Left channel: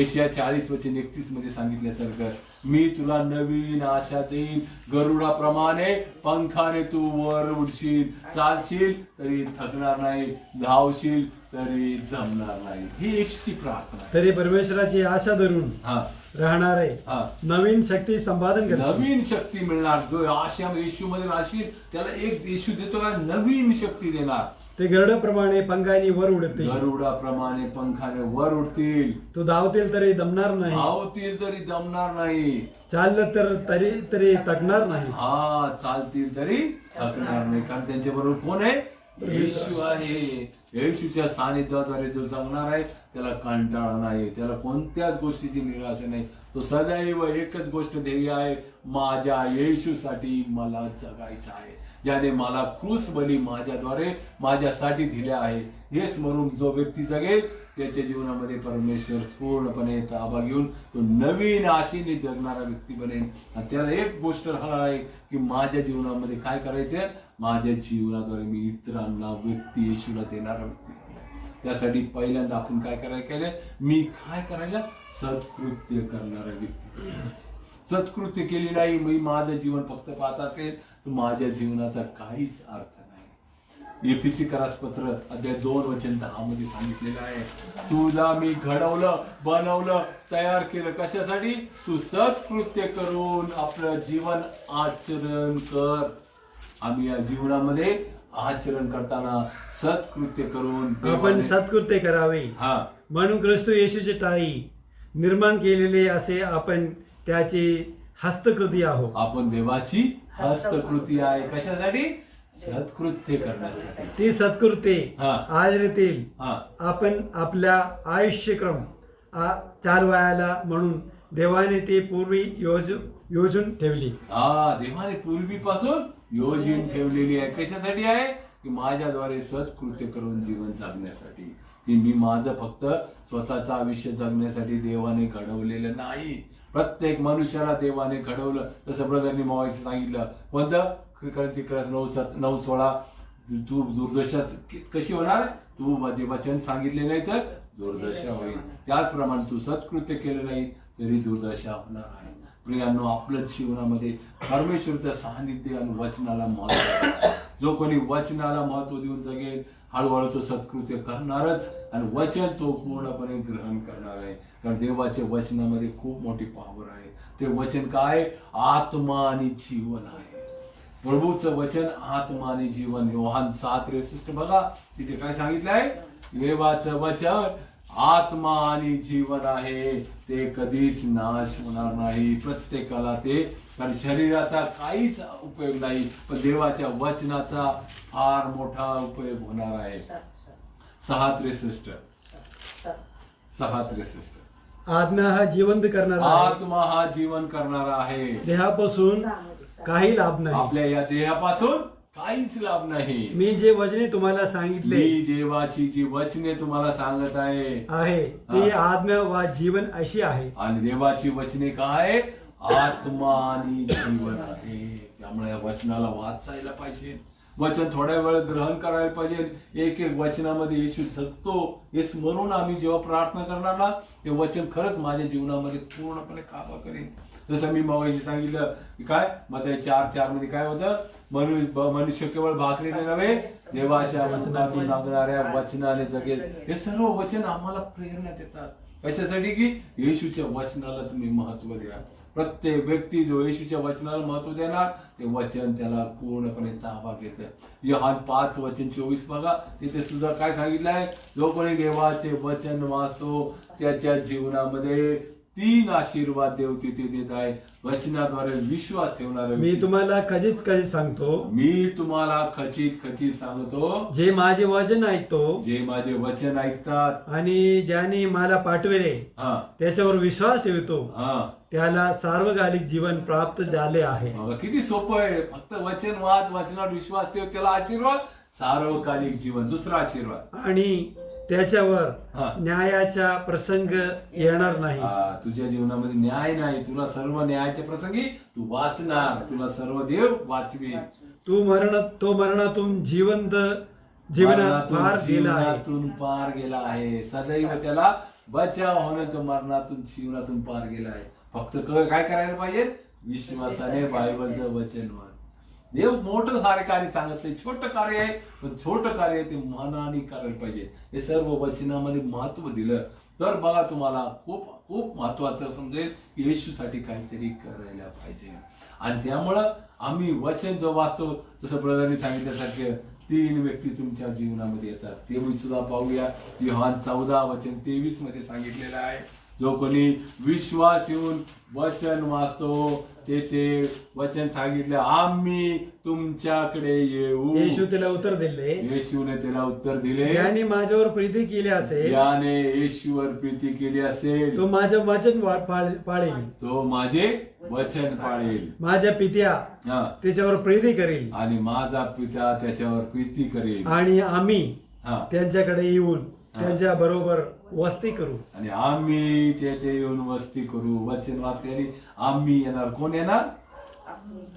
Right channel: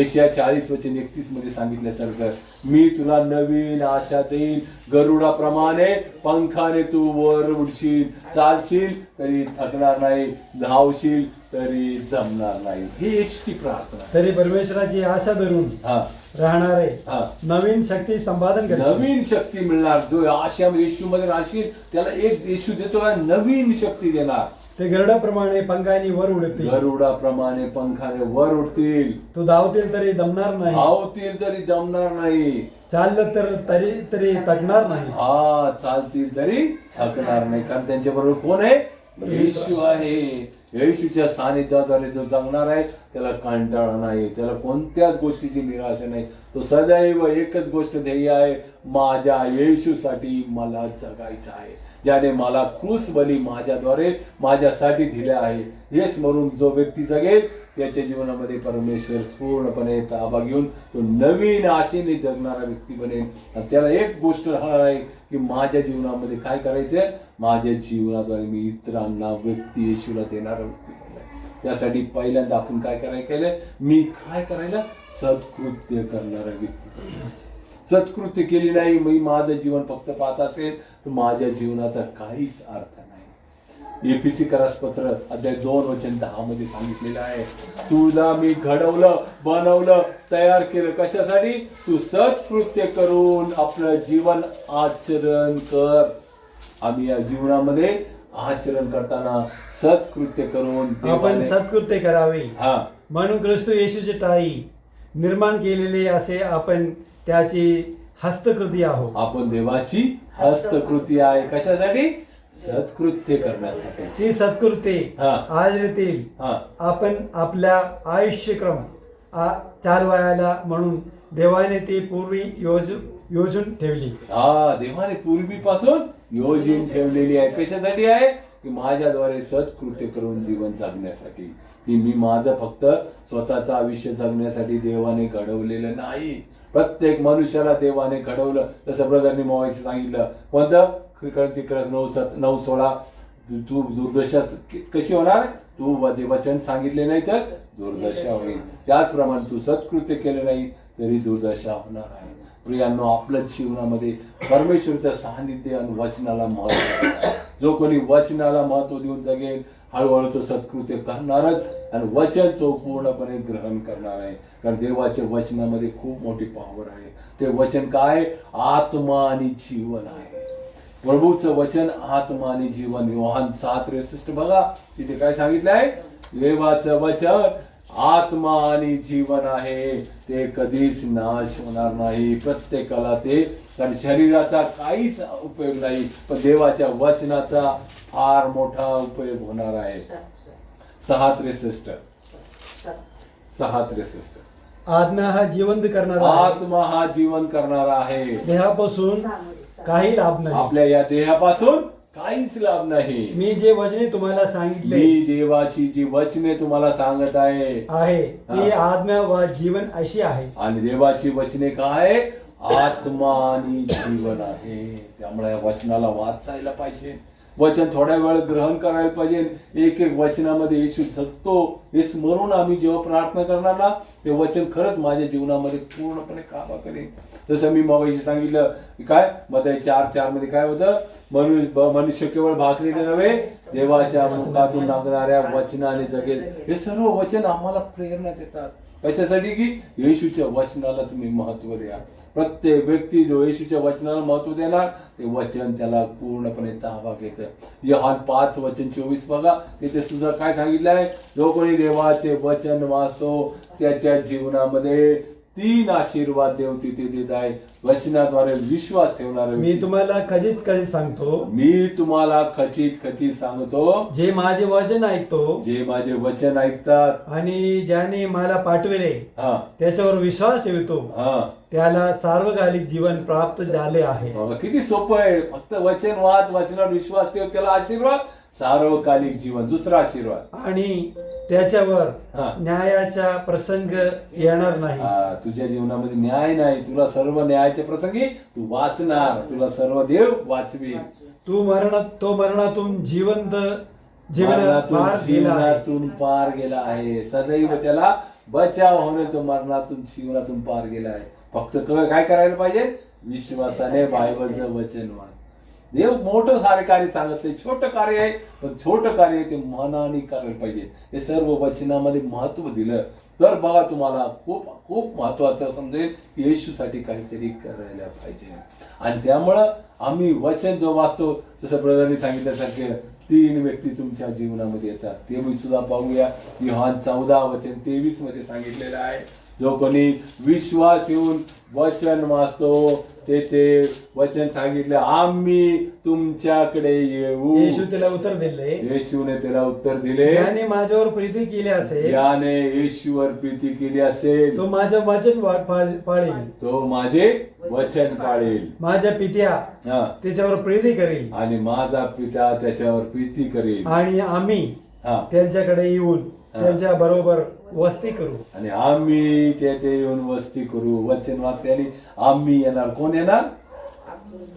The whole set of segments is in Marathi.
एशिया चाळीस वचन एकतीसमध्ये सांगितल्यासारखं मी तुला नवीन आशा देईन. गरुडाप्रमाणे पंखाने तू वर उडशील. चालशील तरी थकणार नाही. धावशील तरी जमणार नाही. ही एसटी प्रार्थना आहे. तरी परमेश्वराची आशा धरून हा. राहणारे हा. नवीन शक्ती संपादन नवीन शक्ती मिळणार. जो आशा येशू मध्ये राहशील त्याला एक येशू देतो नवीन शक्ती देणार. ते गरुडाप्रमाणे पंखानी वर उडतील. गरुडाप्रमाणे पंखाने वर उडतील. तो धावतील तरी दमणार नाही. धावतील तरी दमणार नाही. चाललं तर तरी तरी तकणार नाही. हा चालतील तरी थकणार नाही. कारण त्यांच्या बरोबर कोण आहे? येशू आहे. येशूच्या सानिध्याद्वारे जो जगणार आहे त्याला कंटाळा नाही. त्याला कोणत्याच गोष्टीची निराशा नाही. तो सदैव एकच गोष्ट ध्येय आहे. माझ्या येशूसाठी मला जगायचं आहे. ज्याने मला क्रूस बली माझ्याद्वारे माझ्यासाठी दिले आहे. हे म्हणून जो व्यक्ती जगेल त्याच्या जीवनामध्ये परमेश्वर पूर्णपणे ताबा घेऊन तो नवीन आशेने जगणारा व्यक्ती बनेल. त्याला एक गोष्ट राहणार आहे की माझ्या जीवनामध्ये काय करायचंय? माझ्या जीवनाद्वारे मी इतरांना व्यक्ती येशूला देणारा व्यक्ती त्यासाठी पहिल्यांदा आपण काय करायला केलं मी काय करायला? सत्कृत्य करणारा व्यक्ती सत्कृत्य केली नाही मी माझं जीवन फक्त पाहत असेल तर माझ्या जीवनाचा काहीच अर्थ नाही. एपीसी करासपत्र अध्याय दोन वचन दहा मध्ये सांगितलेलं आहे. तुला मी घडवलं बनवलं तयार केलं कशासाठी? तू सत्कृत्य करून आपलं जीवन आचरण कर. आम्ही या जीवनामध्ये आचरण करताना सत्कृत्य करून आपण सत्कृत्य करावे. हा. म्हणून ख्रिस्त येशूचे टाई निर्माण केलेले असे आपण त्याची हस्तकृती आहोत आपण देवाची हस्तकृती आहे. कशासाठी? सत्कृत्य करण्यासाठी. ती सत्कृत्ये हा. आचरतील हा. आपण आपल्या आयुष्यक्रम आ- चालवायला म्हणून देवाने ती पूर्वी योज योजून ठेवली. हा देवाने पूर्वीपासून योजून ठेवलेली आहे. कशासाठी आहे? की माझ्याद्वारे सत्कृत्य करून जीवन जगण्यासाठी. की मी माझं फक्त स्वतःचं आयुष्य जगण्यासाठी देवाने घडवलेलं नाही. प्रत्येक मनुष्याला देवाने घडवलं. जसं ब्रदरनी मोवायचं सांगितलं. कोणतं? तिकडे नऊ सत नऊ सोळा. तू दुर्दशा कशी होणार? तू वचे- वचन सांगितले नाही तर दुर्दशा होईल. त्याचप्रमाणे तू सत्कृत्य केलं नाही तरी दुर्दशा होणार आहे. प्रियांनो आपल्या जीवनामध्ये परमेश्वरचं सान्निध्य आणि वचनाला महत्त्व. जो कोणी वचनाला महत्त्व देऊन जगेल हळूहळू तो सत्कृत्य करणारच आणि वचन तो पूर्णपणे ग्रहण करणार आहे. कारण देवाच्या वचनामध्ये खूप मोठी पॉवर आहे. ते वचन काय? आत्मा आणि जीवन आहे. प्रभूचं वचन आत्मा आणि जीवन. योहान सात रेसिस्ट बघा तिथे काय सांगितलं आहे देवाचं वचन आत्मा आणि जीवन आहे ते कधीच नाश होणार नाही. प्रत्येकाला ते कारण शरीराचा काहीच उपयोग नाही पण देवाच्या वचनाचा फार मोठा उपयोग होणार आहे. सहा त्रेसष्ट. सहा त्रेसष्ट. आत्मा हा जिवंत करणारा. आत्मा हा जीवन करणारा आहे. देहापासून काही लाभ नाही. आपल्या या देहापासून काहीच लाभ नाही. मी जे वचने तुम्हाला सांगितले मी देवाची जी वचने तुम्हाला सांगत आहे आहे ती आत्मा व जीवन अशी आहे. आणि देवाची वचने काय? आत्मा आणि जीवन आहे. त्यामुळे या वचनाला वाचायला पाहिजे. वचन थोड्या वेळ ग्रहण करायला पाहिजे. एक एक वचनामध्ये येशू जगतो. हे स्मरून आम्ही जेव्हा प्रार्थना करणार ना ते वचन खरंच माझ्या जीवनामध्ये पूर्णपणे काबा करेन. जसं मी मग सांगितलं काय? मग चार चारमध्ये काय होतं? मनुष्य मनुष्य केवळ भाकरीने नव्हे देवाच्या मुखातून लागणाऱ्या वचनाने जगेल. हे सर्व वचन आम्हाला प्रेरणा देतात. कशासाठी की? येशूच्या वचनाला तुम्ही महत्त्व द्या. प्रत्येक व्यक्ती जो येशूच्या वचनाला महत्त्व देणार ते वचन त्याला पूर्णपणे ताबा घेत यहान पाच वचन चोवीस बघा. तिथे सुद्धा काय सांगितलं आहे? जो कोणी देवाचे वचन वाचतो त्याच्या जीवनामध्ये तीन आशीर्वाद देव तिथे देत आहे वचनाद्वारे विश्वास ठेवणारे मी. तुम्हाला कधीच कधी सांगतो. मी तुम्हाला खचित खचित सांगतो. जे माझे वचन ऐकतो जे माझे वचन ऐकतात. आणि ज्याने मला पाठविले त्याच्यावर विश्वास ठेवतो हा. त्याला सार्वकालिक जीवन प्राप्त झाले आहे. किती सोपं आहे. फक्त वचन वाच वचनावर विश्वास ठेव त्याला आशीर्वाद सार्वकालिक जीवन दुसरा आशीर्वाद. आणि त्याच्यावर हा. न्यायाचा प्रसंग येणार नाही. हा, तुझ्या जीवनामध्ये न्याय नाही तुला सर्व न्यायाच्या प्रसंगी तू वाचणार तुला सर्व देव वाचवी तू मरण तो मरणातून जिवंत जीवनात गेला आहे. जीवनातून पार गेला आहे. सदैव त्याला बचाव होणं तो मरणातून जीवनातून पार गेलाय फक्त क- काय करायला पाहिजे? विश्वासाने बायबलचं वचन मान देव मोठं सारे कार्य सांगत नाही छोटं कार्य आहे पण छोटं कार्य ते मनाने करायला पाहिजे. हे सर्व वचनामध्ये महत्त्व दिलं. तर बघा तुम्हाला खूप खूप महत्वाचं समजेल की येशूसाठी काहीतरी करायला पाहिजे. आणि त्यामुळं आम्ही वचन जो वाचतो जसं ब्रदरने सांगितल्यासारखे तीन व्यक्ती तुमच्या जीवनामध्ये येतात. ते मी सुद्धा पाहूया. युहान चौदा वचन तेवीसमध्ये सांगितलेलं आहे. जो कोणी विश्वास ठेवून वचन वाचतो ते ते वचन सांगितले आम्ही तुमच्याकडे येऊ. येशू तिला उत्तर दिले. येशूने त्याला उत्तर दिले. ज्याने माझ्यावर प्रीती केली असेल ज्याने येशूवर प्रीती केली असेल तो माझं वचन वा- पाळेल. तो माझे वचन पाळेल. माझ्या पित्या हा. त्याच्यावर प्रीती करेल. आणि माझा पिता त्याच्यावर प्रीती करेल. आणि आम्ही हा. त्यांच्याकडे येऊन. त्यांच्या बरोबर वस्ती करू. आणि आम्ही तेथे येऊन वस्ती करू. वचन वाचल्याने आम्ही येणार. कोण येणार?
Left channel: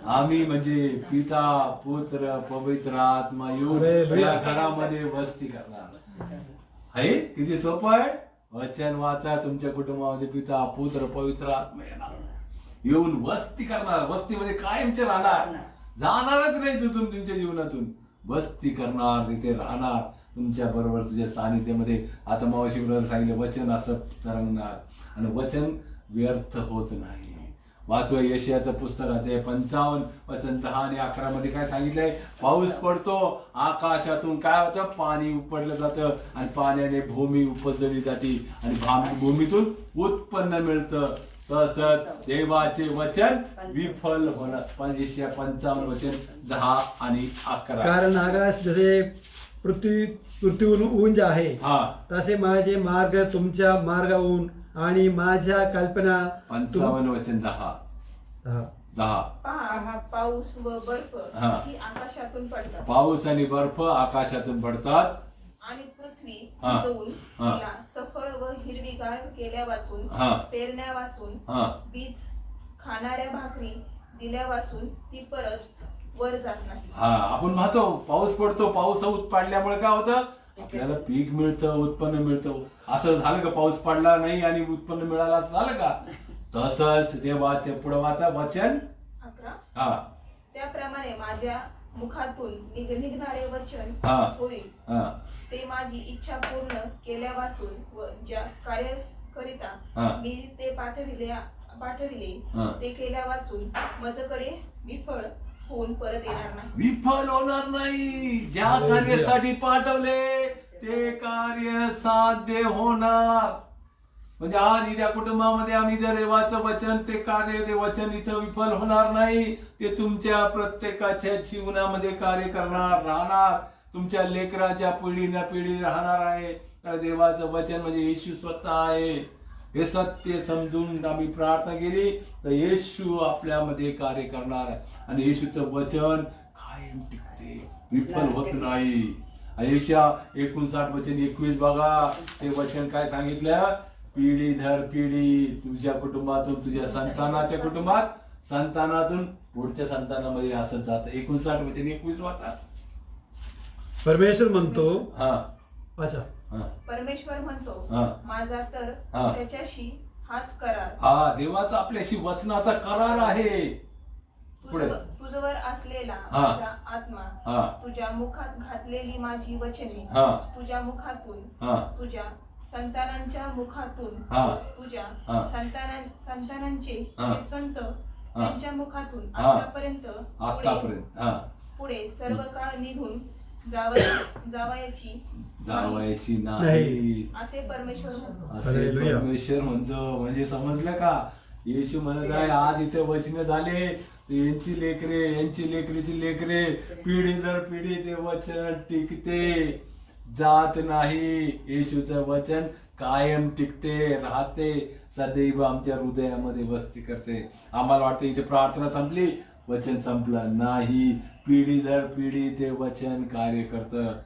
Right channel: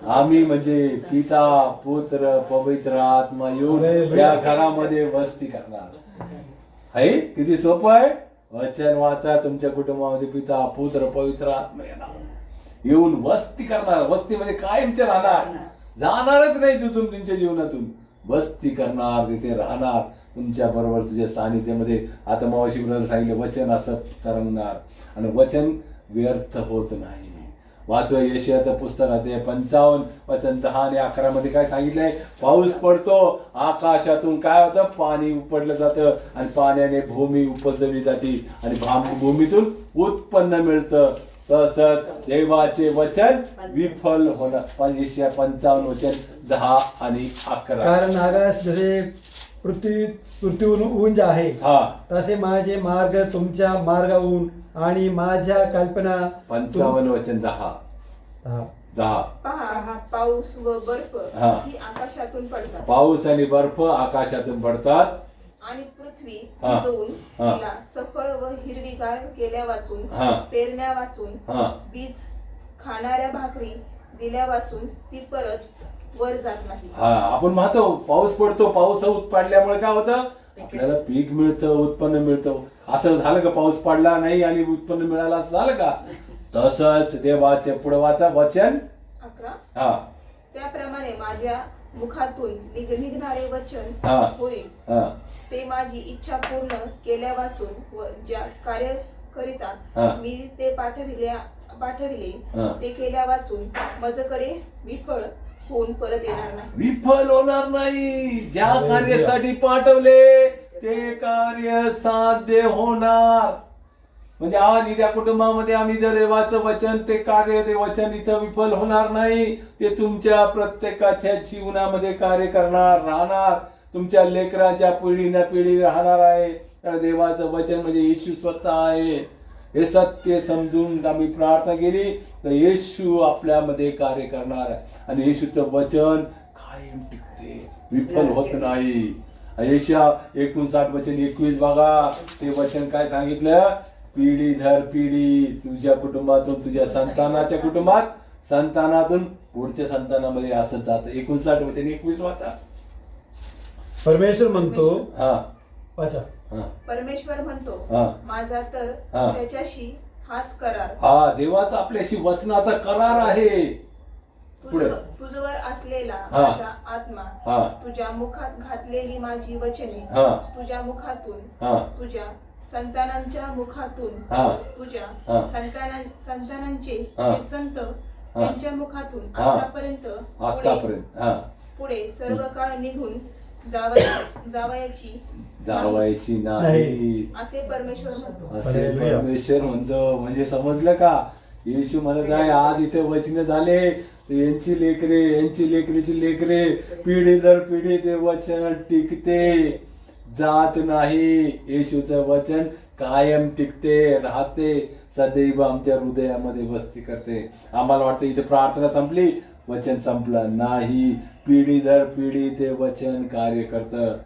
आम्ही म्हणजे पिता पुत्र पवित्र आत्मा येऊन. त्या घरामध्ये वस्ती करणार. आहे किती सोपं आहे? वचन वाचा तुमच्या कुटुंबामध्ये पिता पुत्र पवित्र आत्मा येणार. येऊन वस्ती करणार. वस्तीमध्ये कायमचे राहणार. जाणारच नाही तिथून तुमच्या जीवनातून. वस्ती करणार तिथे राहणार. तुमच्या बरोबर तुझ्या सानिध्यामध्ये आता मावशी ब्रदर सांगितलं वचन असं तरंगणार. आणि वचन व्यर्थ होत नाही. वाचवा येशियाचं पुस्तक आहे पंचावन्न वचन दहा आणि अकरा मध्ये काय सांगितलंय? पाऊस पडतो आकाशातून काय होतं? पाणी उपडलं जातं आणि पाण्याने भूमी उपजवली जाते आणि भूमीतून उत्पन्न मिळतं. तसंच देवाचे वचन विफल होणार पण येशिया पंचावन्न वचन दहा आणि अकरा. कारण आकाश जसे पृथ्वी पृथ्वीहून उंच आहे हा तसे माझे मार्ग तुमच्या मार्गाहून आणि माझ्या कल्पना पंचावन्न वचन दहा हा. दहा पहा पाऊस व बर्फ हा. ही आकाशातून पडतात पाऊस आणि बर्फ आकाशातून पडतात आणि पृथ्वी हा. भिजवून हा. तिला सफळ व हिरवीगार केल्या वाचून हा. पेरण्या वाचून हा बीज खाणाऱ्या भाकरी दिल्या वाचून ती परत वर जात नाही. हा आपण पाहतो पाऊस पडतो पाऊस पडल्यामुळे काय होतं? आपल्याला पीक मिळतं उत्पन्न मिळतं. असं झालं का पाऊस पडला नाही आणि उत्पन्न मिळालं असं झालं का? तसंच देवाचे पुढवाचा वचन. अकरा. हा. त्याप्रमाणे माझ्या मुखातून निघ- निघणारे वचन हा. होईल. हा. ते माझी इच्छा पूर्ण केल्या वाचून व ज्या कार्य हा. करिता मी ते पाठविले पाठविले हा. ते केल्या वाचून माझ्याकडे विफळ होऊन परत येणार नाही. विफल होणार नाही. ज्या कार्यासाठी पाठवले ते कार्य साध्य होणार. म्हणजे आज त्या कुटुंबामध्ये आम्ही जर देवाचं वचन ते कार्य ते वचन इथं विफल होणार नाही. ते तुमच्या प्रत्येकाच्या जीवनामध्ये कार्य करणार राहणार. तुमच्या लेकराच्या पिढीना पिढी राहणार आहे. कारण देवाचं वचन म्हणजे येशू स्वतः आहे. हे सत्य समजून आम्ही प्रार्थना केली तर येशू आपल्यामध्ये कार्य करणार. आणि येशूचं वचन कायम टिकते विफल होत नाही. येशा एकोणसाठ वचन एकवीस बघा ते वचन काय सांगितलं? पिढी दर पिढी तुझ्या कुटुंबातून तुझ्या संतानाच्या कुटुंबात संतानातून पुढच्या संतानामध्ये असं जात. एकोणसाठ वचन एकवीस वाचा. परमेश्वर म्हणतो हा. वाचा. परमेश्वर म्हणतो. माझा तर. त्याच्याशी हाच करार हा देवाचा आपल्याशी वचनाचा करार आहे पुढे. तुझ- तुझवर असलेला. माझा आत्मा तुझ्या मुखात घातलेली माझी वचने. तुझ्या मुखातून तुझ्या संतानांच्या मुखातून. तुझ्या. संताना संतानांचे हा. संत त्यांच्या मुखातून. आतापर्यंत आतापर्यंत पुढे सर्व काळ निघून जावया- जावयाची. जावायची नाही. असे परमेश्वर म्हणतो. असे हालेलुया. परमेश्वर म्हणतो. म्हणजे समजलं का? येशू म्हणत आहे आज इथे वचन झाले. यांची लेकरे यांची लेकरीची लेकरे पिढी दर पिढी ते वचन टिकते. जात नाही. येशूचं वचन कायम टिकते राहते. सदैव आमच्या हृदयामध्ये वस्ती करते. आम्हाला वाटतं इथे प्रार्थना संपली. वचन संपलं नाही. पिढी दर पिढी ते वचन कार्य करतं.